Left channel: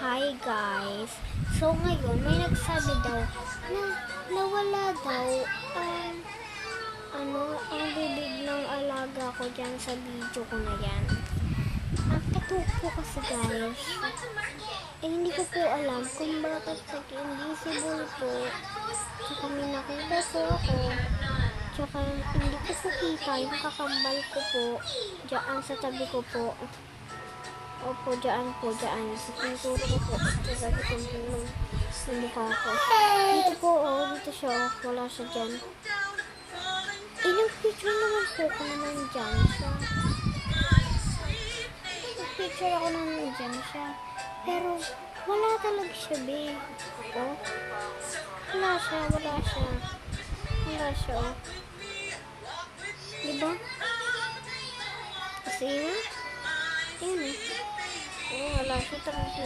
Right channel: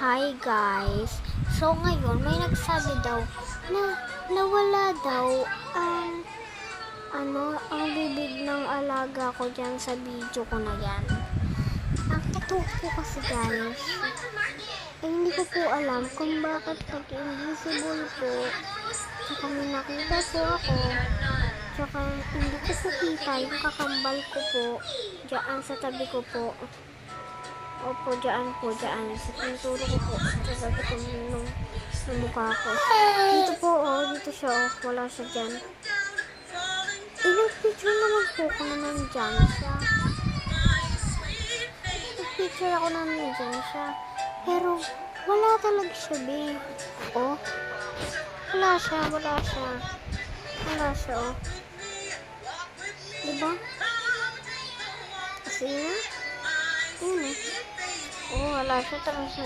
Hi guys! So ngayon may nagsabi daw na nawala daw ang bibig ng alaga ko dyan sa video ko na yan. Ang katuwa po kasi guys, hindi ko po alam kung bakit invisible po. Tsaka may nakita po ako. Tsaka hindi ko po kita yung kakambal ko po dyan sa tabi ko po. Opo, dyan po, dyan. Sa pinturo ko po. Sa sabi ko ng mukha ko. Dito po, dito siya, wala siya dyan. Ilang picture naman po ko na nandyan siya. Nag-picture ako na nandyan siya. Pero, wala talaga siya, be. Wala siya. Wala siya, Diba? Kasi na? Wala siya talaga.